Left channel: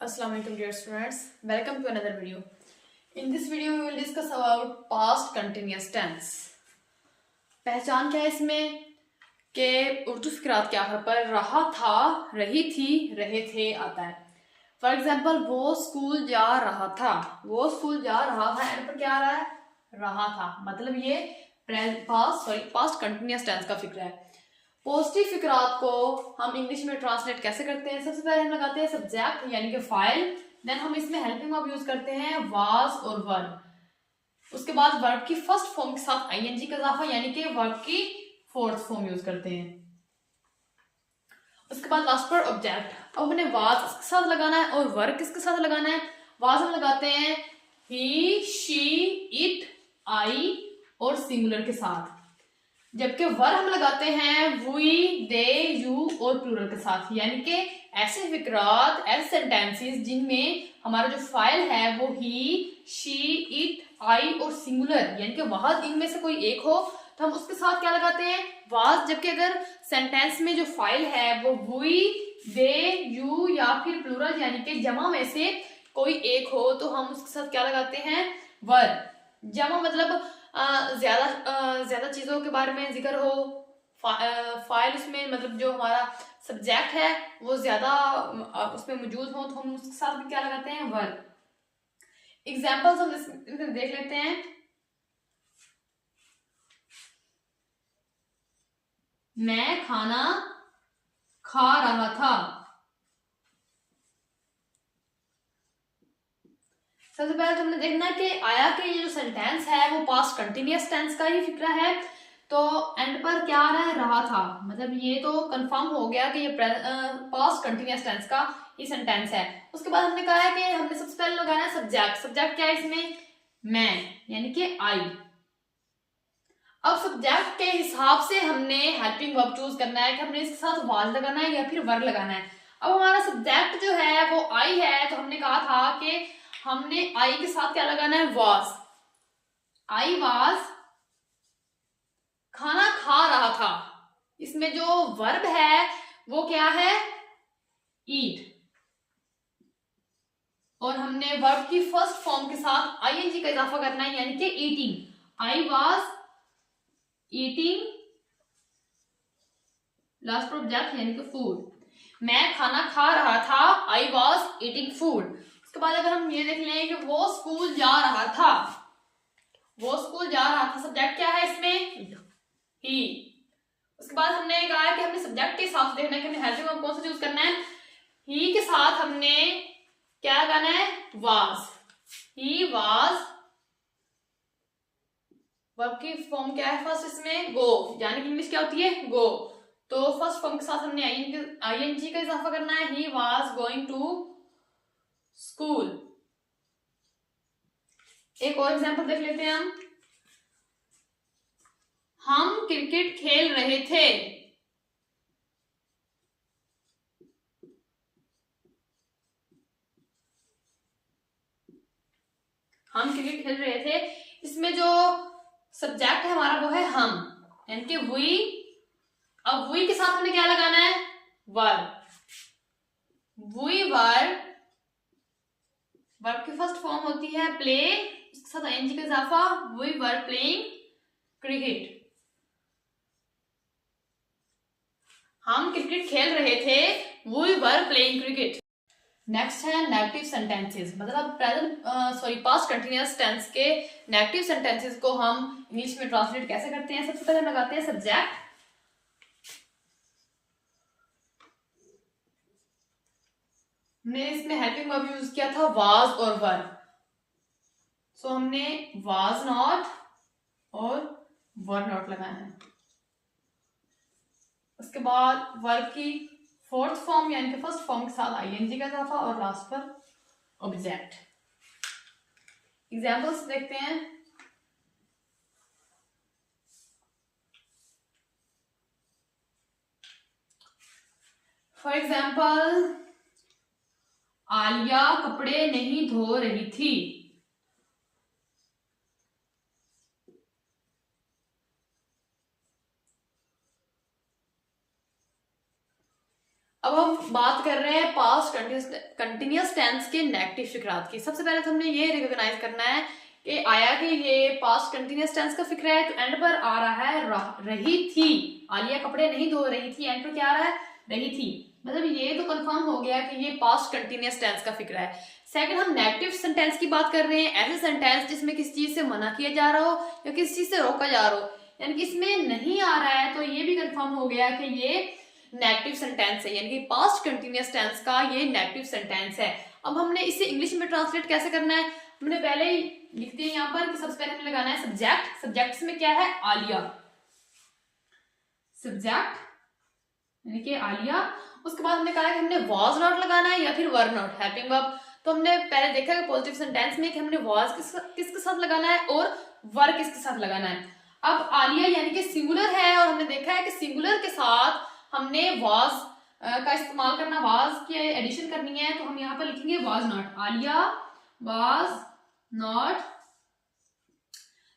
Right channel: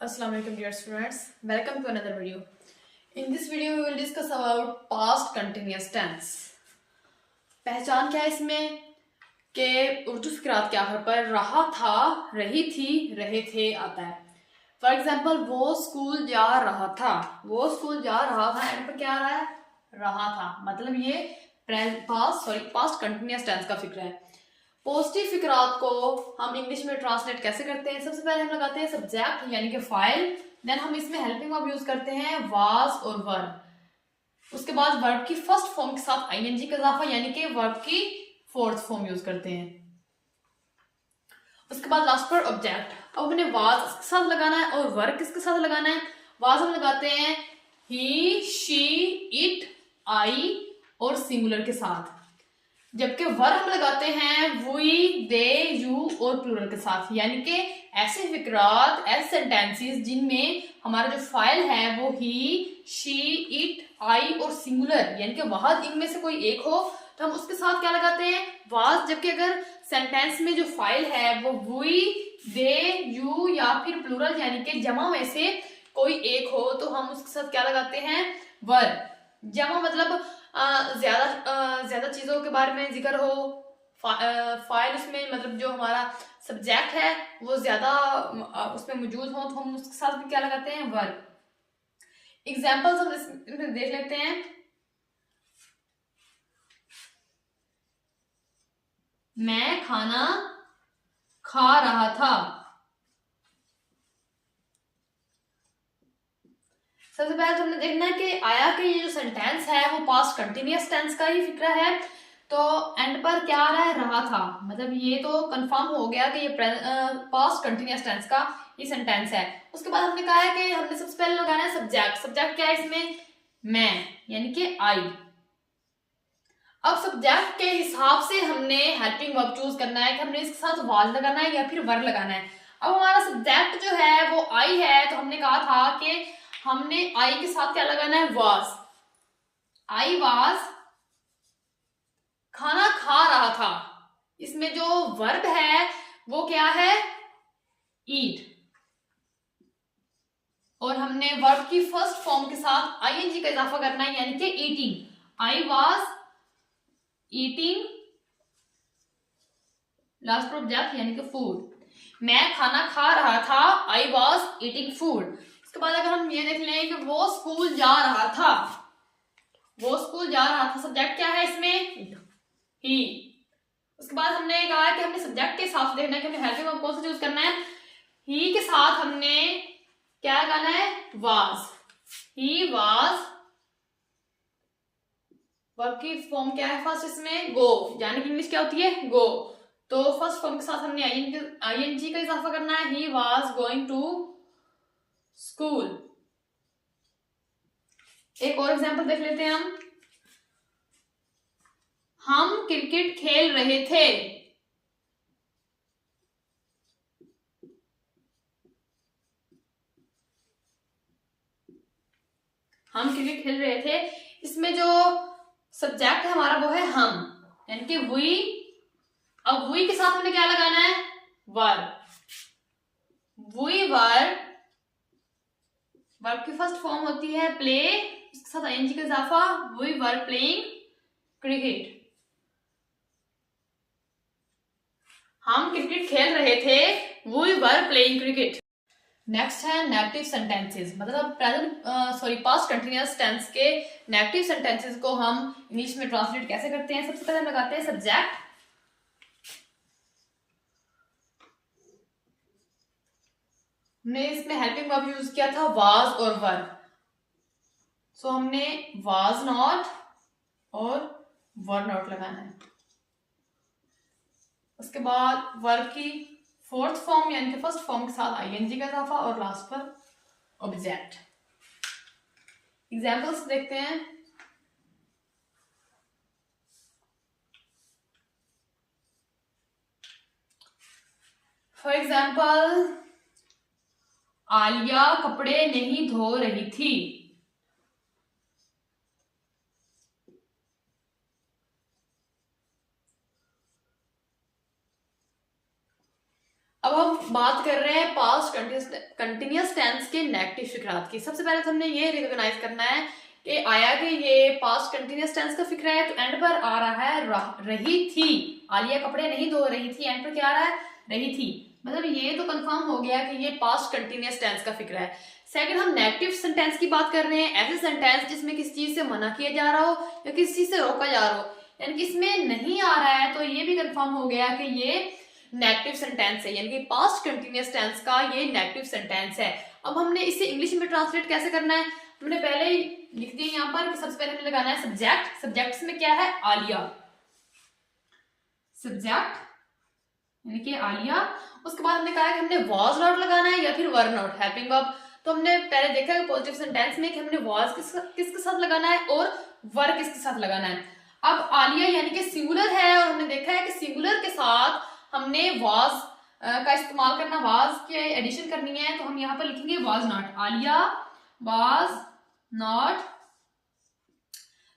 Assalamualaikum dear students, welcome to another video. In this video we will discuss about past continuous tense. पहचान क्या है इसमें कि उर्दू फिक्रात के आखिर पर रहा था, रही थी, रहे थे आता है. फॉर एग्जाम्पल वो स्कूल जा रहा था, वो स्कूल जा रहा था एंड पर क्या आ रहा है? रहा था. मतलब ये पास्ट कंटिन्यूस टेंस का फिक्र है. पॉजिटिव फिक्रात को हम इंग्लिश में ट्रांसलेट कैसे करते हैं? सबसे पहले हम लगाते हैं सब्जेक्ट यानी कि फाइल, देन हम इसमें हेल्पिंग वर्ब यूज करते हैं वाज और वर. उसके बाद वर्ब की फर्स्ट फॉर्म के साथ आईएनजी का इजाफा यानी कि वर्ब की फोर्थ फॉर्म यूज करते हैं. उसके बाद लास्ट पर ऑब्जेक्ट. अब हमने वाज किसके साथ लगाना है और वर्ब किसके साथ लगाना है? वाज हम लगाते हैं ही, शी, इट, आई और सिंगुलर के साथ, जबकि वर हम लगाते हैं वी, दे, यू और प्लूरल के साथ. यानी कि ऐसे फिक्रात, ऐसे सेंटेंसेस जिनमें हमारा जो फाइल है वो ही, शी, इट, आई और सिंगुलर यानी कि वाहद इनमें से कोई एक हो तो हम उसके साथ क्या लगाते हैं? वाज. जबकि अगर सेंटेंस में जो फाइल है वो वी, दे, यू या फिर प्लूरल यानी कि जमा में से कोई एक हो तो हम उसके साथ क्या लगाते हैं? वर. जमा मतलब ज्यादा चीजों के बारे में जिक्र हो, फाइल उसमें मतलब जो हमारा सब्जेक्ट है वो ज्यादा उसमें मौजूद हो तो हम उसके साथ भी क्या लगाते हैं? वर्ब. एग्जाम्पल्स हम इसमें देख लेते हैं. मैं खाना खा रहा था. सबसे पहले तो हमने देखना है कि आया कि ये जो सेंटेंस है वो पास्ट कंटिन्यूअस टेंस का ही फिक्रा है. तो एंड पर क्या आ रहा है? रहा था. मतलब ये तो कंफर्म हो गया कि ये पास्ट कंटिन्यूअस टेंस का ये सेंटेंस है. उसके बाद हमने कहा है कि हमने सबसे पहले लगाना है सब्जेक्ट. सब्जेक्ट क्या है इसमें? मैं यानी कि आई. अब सब्जेक्ट के हिसाब से हमने हेल्पिंग वर्ब चूज करना है कि हमने इसके साथ वाज लगाना है या फिर वर लगाना है. अब हमारा सब्जेक्ट जो है वो आई है तो हमने कहा था कि हमने आई के साथ क्या लगाना है? वाज. आई वाज खाना खा रहा था. इसमें जो वर्ब है वो क्या है? ईट. और हमने वर्ब की फर्स्ट फॉर्म के साथ आईएनजी का इजाफा करना है यानी कि eating. I was eating last object यानी कि फूड. मैं खाना खा रहा था. I was eating food. उसके बाद अगर हम ये देख लें कि वो स्कूल जा रहा था, वो स्कूल जा रहा था. सब्जेक्ट क्या है इसमें? ही. उसके बाद हमने कहा कि हमने सब्जेक्ट के हिसाब से देखना है कि हमने हेल्पिंग वर्ब कौन सा चूज करना है. ही के साथ हमने क्या लगाना है? वाज. He was. वर्ब की फॉर्म क्या है फर्स्ट इसमें? गो. यानी कि इंग्लिश क्या होती है? गो. तो फर्स्ट फॉर्म के साथ हमने आईएनजी का इजाफा करना है. He was going to school. एक और एग्जांपल देख लेते हैं हम क्रिकेट खेल रहे थे. हम क्रिकेट खेल रहे थे. इसमें जो सब्जेक्ट है हमारा वो है हम यानी कि वी. अब वी के साथ हमने क्या लगाना है? वर. We were. वर्ब की फर्स्ट फॉर्म होती है प्ले, उसके साथ आईएनजी का इजाफा. We were playing cricket. हम क्रिकेट खेल रहे थे. We were playing cricket. Next है नेगेटिव सेंटेंसेस. मतलब पास्ट कंटिन्यूअस टेंस के नेगेटिव सेंटेंसेस को हम इंग्लिश में ट्रांसलेट कैसे करते हैं? सबसे पहले हम लगाते हैं सब्जेक्ट. हमने इसमें हेल्पिंग वर्ब यूज किया था वाज और वर. सो हमने वाज नॉट और वर नॉट लगाना है. उसके बाद वर्ब की फोर्थ फॉर्म यानी कि फर्स्ट फॉर्म के साथ आईएनजी का इजाफा और लास्ट पर ऑब्जेक्ट. एग्जांपल्स देखते हैं. फॉर एग्जाम्पल आलिया कपड़े नहीं धो रही थी. अब हम बात कर रहे हैं पास्ट कंटिन्यूअस टेंस के नेगेटिव फिक्रात की। सबसे पहले तो हमने ये रिकॉग्नाइज करना है कि आया कि ये पास्ट कंटिन्यूअस टेंस का फिक्रा है, तो एंड पर आ रहा है रही थी। आलिया कपड़े नहीं धो रही थी, एंड पर क्या आ रहा है, रही थी। मतलब ये तो कंफर्म हो गया कि ये पास्ट कंटिन्यूअस टेंस का फिक्रा है। सेकंड, हम नेगेटिव सेंटेंस की बात कर रहे हैं, ऐसे सेंटेंस जिसमें किसी चीज से मना किया जा रहा हो या किसी चीज से रोका जा रहा हो, यानी कि इसमें नहीं आ रहा है, तो ये भी कंफर्म हो गया कि ये नेगेटिव सेंटेंस है, यानी कि पास्ट कंटिन्यूअस टेंस का ये नेगेटिव सेंटेंस है। अब हमने इसे इंग्लिश में ट्रांसलेट कैसे करना है, हमने पहले ही लिख दिया यहाँ पर कि सबसे पहले हमें लगाना है सब्जेक्ट। सब्जेक्ट में क्या है, आलिया, सब्जेक्ट यानी कि आलिया। उसके बाद हमने कहा कि हमने वॉज नॉट लगाना है या फिर वर नॉट, हेल्पिंग वर्ब। तो हमने पहले देखा है पॉजिटिव सेंटेंस में कि हमने वॉज किसके साथ लगाना है और वर किसके साथ लगाना है। अब आलिया यानी कि सिंगुलर है, और हमने देखा है कि सिंगुलर के साथ हमने वॉज का इस्तेमाल करना, वॉज की एडिशन करनी है, तो हम यहाँ पर लिखेंगे was not. Alia was not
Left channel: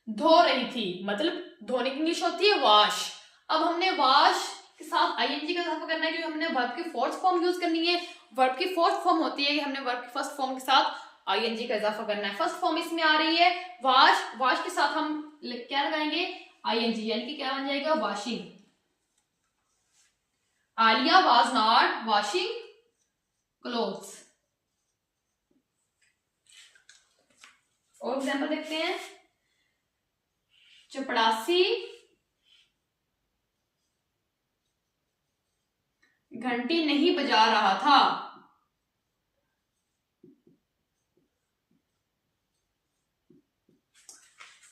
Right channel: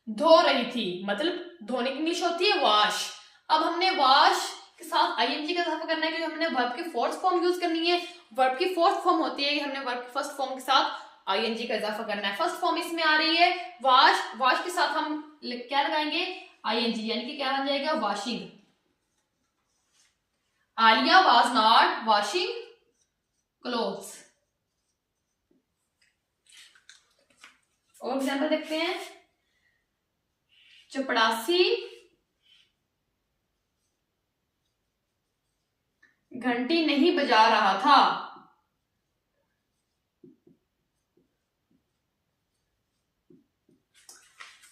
धो रही थी, मतलब धोने की इंग्लिश होती है वॉश। अब हमने वॉश के साथ आईएनजी का इजाफा करना है क्योंकि हमने वर्ब की फोर्थ फॉर्म यूज करनी है। वर्ब की फोर्थ फॉर्म होती है कि हमने वर्ब की फर्स्ट फॉर्म के साथ आईएनजी का इजाफा करना है। फर्स्ट फॉर्म इसमें आ रही है वॉश, वॉश के साथ हम क्या लगाएंगे, आईएनजी, यानी कि क्या बन जाएगा, washing. Alia was not washing clothes. और एग्जाम्पल देखते हैं, चपड़ासी घंटी नहीं बजा रहा था।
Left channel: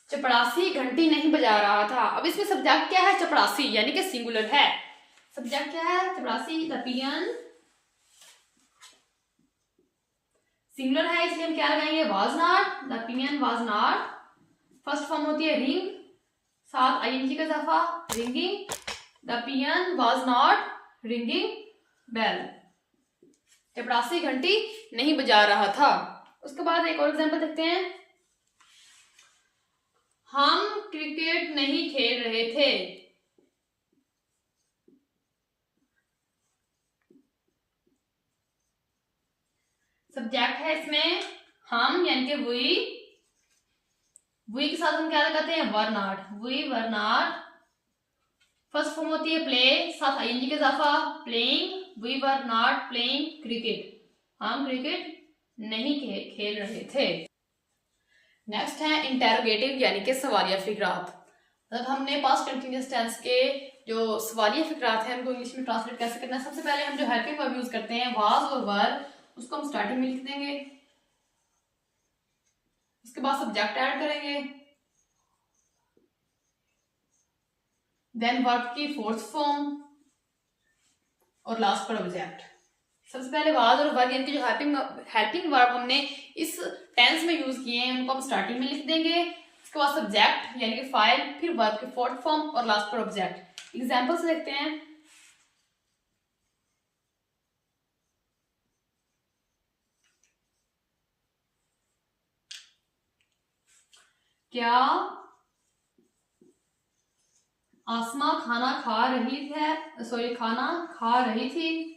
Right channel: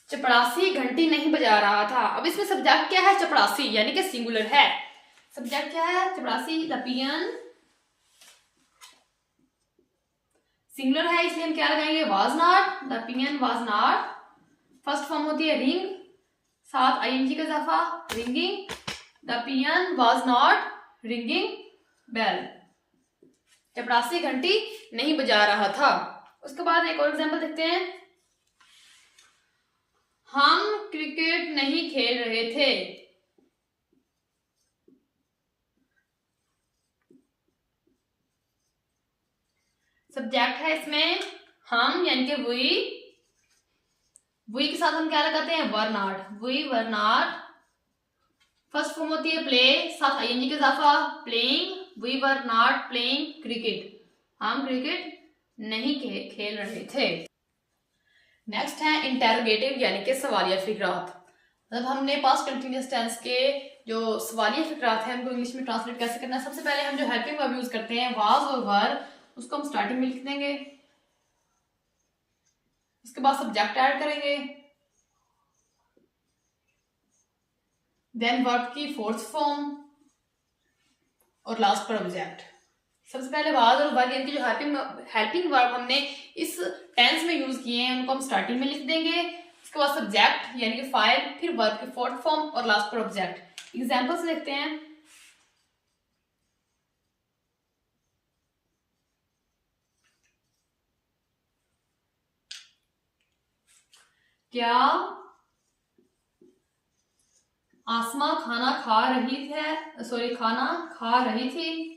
चपड़ासी घंटी नहीं बजा रहा था। अब इसमें सब्जेक्ट क्या है, चपड़ासी, यानी कि सिंगुलर है। सब्जेक्ट क्या है, चपड़ासी, द पियन सिंगुलर है, इसलिए हम क्या लगाएंगे, was not, the peon was not. First form होती है रिंग, साथ आईएनजी का इजाफा, ringing, the peon was not ringing bell. चपड़ासी घंटी नहीं बजा रहा था। उसके बाद एक और एग्जांपल देखते हैं, हम क्रिकेट नहीं खेल रहे थे। सब्जेक्ट है इसमें हम, यानी कि वी के साथ हम क्या लगाते हैं, were not, we were not. First form होती है प्ले, साथ आईएनजी का इजाफा, playing, we were not playing cricket, हम क्रिकेट नहीं खेल रहे थे। नेक्स्ट है इंटेरोगेटिव यानी कि सवालिया फिक्रात। मतलब हमने पास्ट कंटिन्यूअस टेंस के जो सवालिया फिक्रात है उनको इंग्लिश में ट्रांसलेट कैसे करना है। सबसे पहले हम जो हेल्पिंग वर्ब यूज करते हैं वाज और वर, उसको हम स्टार्टिंग में लिख देंगे, उसके बाद सब्जेक्ट ऐड करेंगे, देन वर्ब की फोर्थ फॉर्म और लास्ट पर ऑब्जेक्ट। सबसे पहले वाज और वर यानी कि जो हेल्पिंग वर्ब हमने इस टेंस में यूज किए हैं उनको हम स्टार्टिंग में लिख देंगे, उसके बाद सब्जेक्ट यानी कि फाइल, फिर वर्ब की फोर्थ फॉर्म और लास्ट पर ऑब्जेक्ट। एग्जांपल्स देखते हैं, क्या आसमा खाना खा रही थी।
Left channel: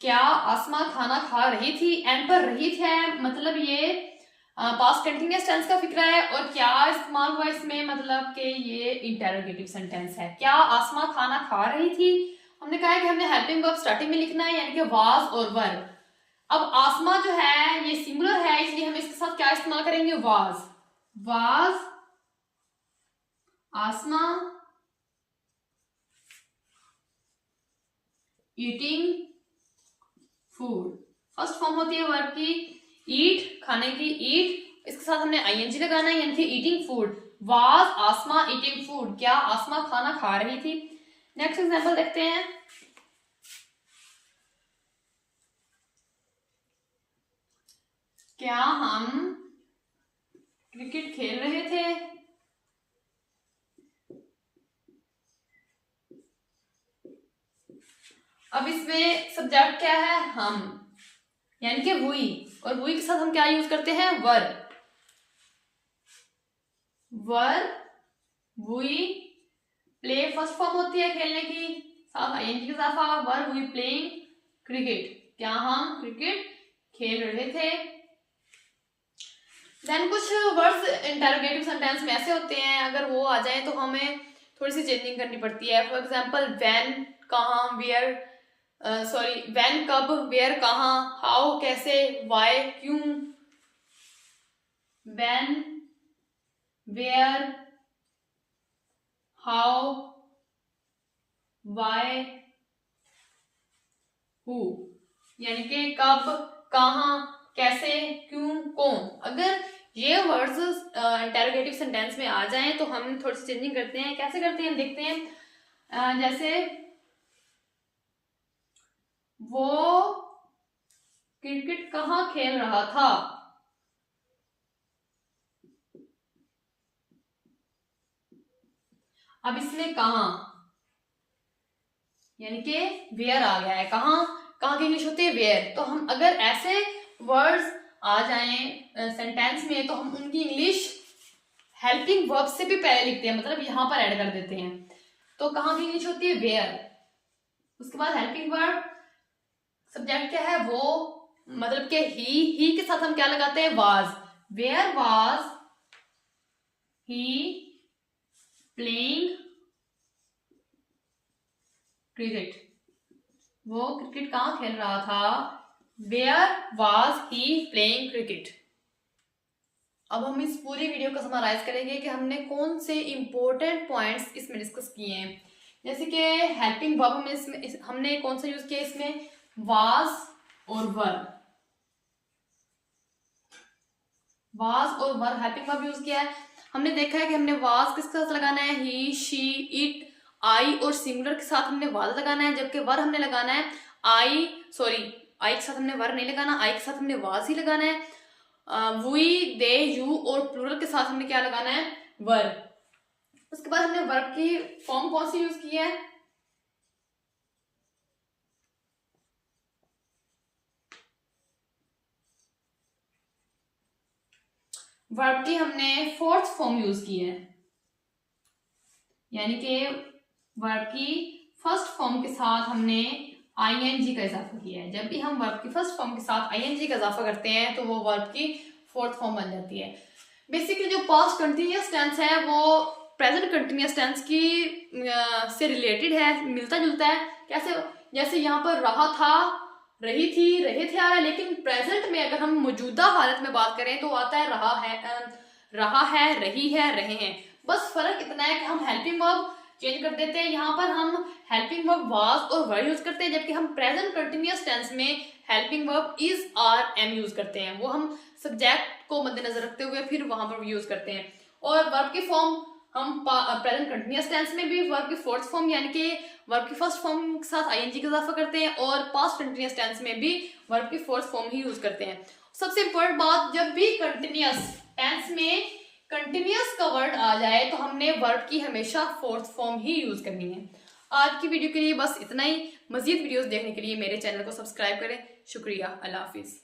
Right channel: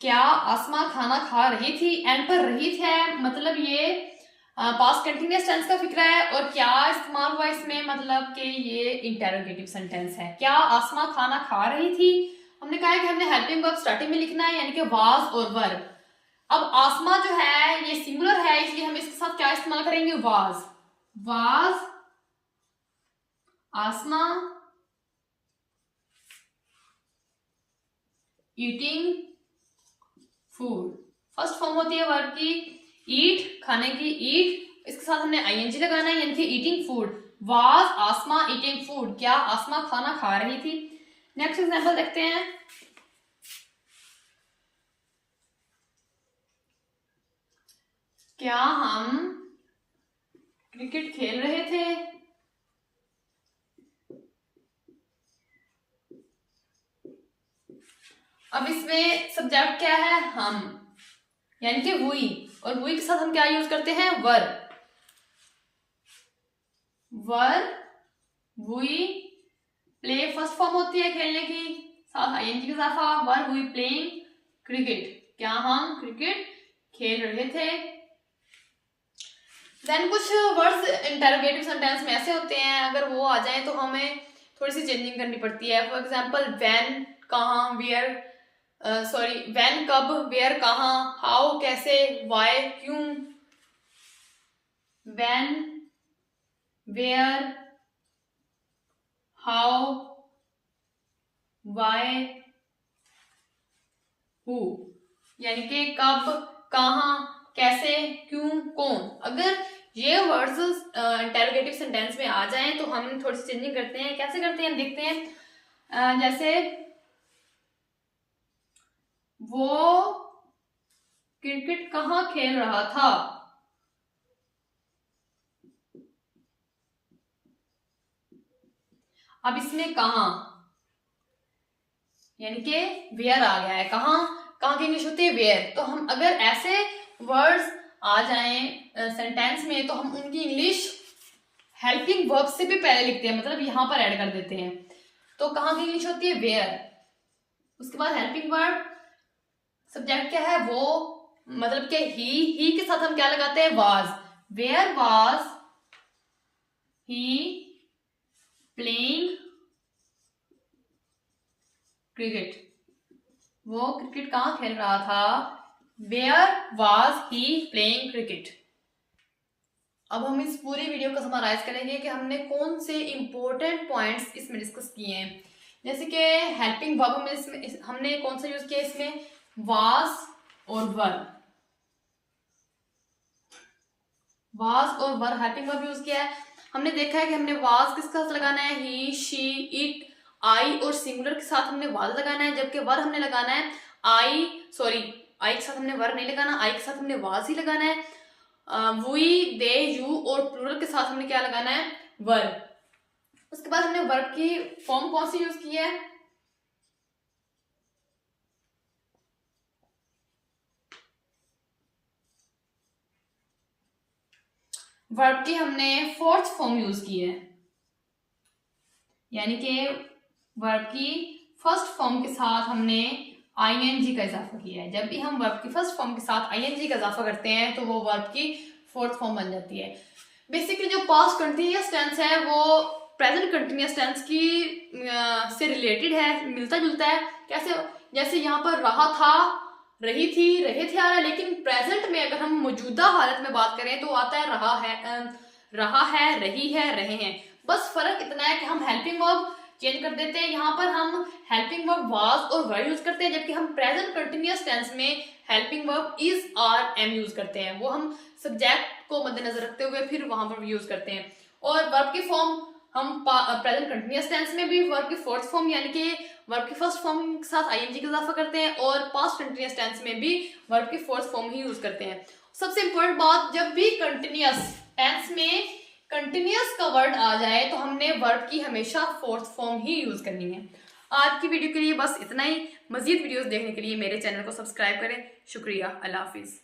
क्या आसमा खाना खा रही थी, एंड पर रही थी मतलब ये पास्ट कंटिन्यूअस टेंस का फिक्रा है, और क्या इस्तेमाल हुआ इसमें मतलब कि ये इंटेरोगेटिव सेंटेंस है। क्या आसमा खाना खा रही थी, हमने कहा है कि हमने हेल्पिंग वर्ब स्टार्टिंग में लिखना है यानी कि वाज और वर। अब आसमा जो है ये सिंगुलर है, इसलिए हम इसके साथ क्या इस्तेमाल करेंगे, was Asma eating food. First form होती है वर्ब की ईट, खाने की ईट, इसके साथ हमने आईएनजी लगाना है यानी कि eating food. Was Asma eating food, क्या आसमा खाना खा रही थी। नेक्स्ट एग्जांपल देखते हैं, क्या हम क्रिकेट खेल रहे थे। अब इसमें सब्जेक्ट क्या है, हम, यानी कि वुई, और वुई के साथ हम क्या यूज करते हैं, वर, वुई प्ले फर्स्ट फॉर्म होती है खेलने की, साथ आईएनजी का इजाफा, वर हुई प्लेइंग क्रिकेट, क्या हम क्रिकेट खेल रहे थे। देन कुछ वर्ड्स इंटरोगेटिव सेंटेंस में ऐसे होते हैं, अगर वो आ जाए तो हमें थोड़ी सी चेंजिंग करनी पड़ती है। फॉर एग्जाम्पल व्हेन, कहाँ, वेयर, सॉरी व्हेन कब, वेयर कहाँ, हाउ कैसे, व्हाई क्यों, when, where, how, why, who, यानी कि कब, कहाँ, कैसे, क्यों, कौन। अगर ये वर्ड्स इंटरोगेटिव सेंटेंस में आ जाएं तो हम थोड़ी सी चेंजिंग करते हैं। कैसे करते हैं देखते हैं। जैसे वो क्रिकेट कहाँ खेल रहा था, अब इसमें कहाँ यानी कि वेयर आ गया है, कहाँ की इंग्लिश होती है वेयर। तो हम अगर ऐसे वर्ड्स आ जाएं सेंटेंस में तो हम उनकी इंग्लिश हेल्पिंग वर्ब से भी पहले लिखते हैं, मतलब यहां पर ऐड कर देते हैं। तो कहाँ की इंग्लिश होती है वेयर, उसके बाद हेल्पिंग वर्ब, सब्जेक्ट क्या है वो, मतलब कि ही के साथ हम क्या लगाते हैं was, where was he playing cricket, वो क्रिकेट कहाँ खेल रहा था, where was he playing cricket. अब हम इस पूरी वीडियो को समराइज करेंगे कि हमने कौन से इंपॉर्टेंट पॉइंट्स इसमें डिस्कस किए हैं। जैसे कि हेल्पिंग वर्ब हमने कौन सा यूज किया इसमें, वाज और वर, वाज और वर हेल्पिंग वर्ब यूज किया है। हमने देखा है कि हमने वाज किसके साथ लगाना है, ही, शी, इट, आई और सिंगुलर के साथ हमने वाज लगाना है, जबकि वर हमने लगाना है आई के साथ हमने वर नहीं लगाना, आई के साथ हमने वाज ही लगाना है। वी, दे, यू और प्लूरल के साथ हमने क्या लगाना है, वर। उसके बाद हमने वर्ब की फॉर्म कौन सी यूज की है, वर्ब की हमने फोर्थ फॉर्म यूज की है, यानी कि वर्ब की फर्स्ट फॉर्म के साथ हमने आईएनजी का इजाफा किया है। जब भी हम वर्ब की फर्स्ट फॉर्म के साथ आईएनजी का इजाफा करते हैं तो वो वर्ब की फोर्थ फॉर्म बन जाती है। बेसिकली जो पास्ट कंटिन्यूअस टेंस है वो प्रेजेंट कंटिन्यूअस टेंस की से रिलेटेड है, मिलता जुलता है। कैसे, जैसे यहाँ पर रहा था, रही थी, रहे थे आ रहा है, लेकिन प्रेजेंट में अगर हम मौजूदा हालत में बात करें तो आता है रहा है, रही है, रहे हैं। बस फर्क इतना है कि हम हेल्पिंग वर्ब चेंज कर देते हैं। यहाँ पर हम हेल्पिंग वर्ब वाज और वर यूज करते हैं, जबकि हम प्रेजेंट कंटिन्यूअस टेंस में helping verb is, are, am use करते हैं। वो हम सब्जेक्ट को मद्देनजर रखते हुए फिर वहां पर यूज करते हैं। और वर्ब की फॉर्म हम प्रेजेंट कंटिन्यूअस टेंस में भी वर्ब की फोर्थ फॉर्म यानी कि वर्ब की फर्स्ट फॉर्म के साथ आईएनजी का इजाफा करते हैं, और पास्ट कंटिन्यूअस टेंस में भी वर्ब की फोर्थ फॉर्म ही यूज करते हैं। सबसे इंपॉर्टेंट बात, जब भी कंटिन्यूअस टेंस में कंटिन्यूअस का वर्ड आ जाए तो हमने वर्ब की हमेशा फोर्थ फॉर्म ही यूज करनी है। आज की वीडियो के लिए बस इतना ही। मजीद वीडियोस देखने के लिए मेरे चैनल को सब्सक्राइब करें। शुक्रिया, अल्लाह हाफिज।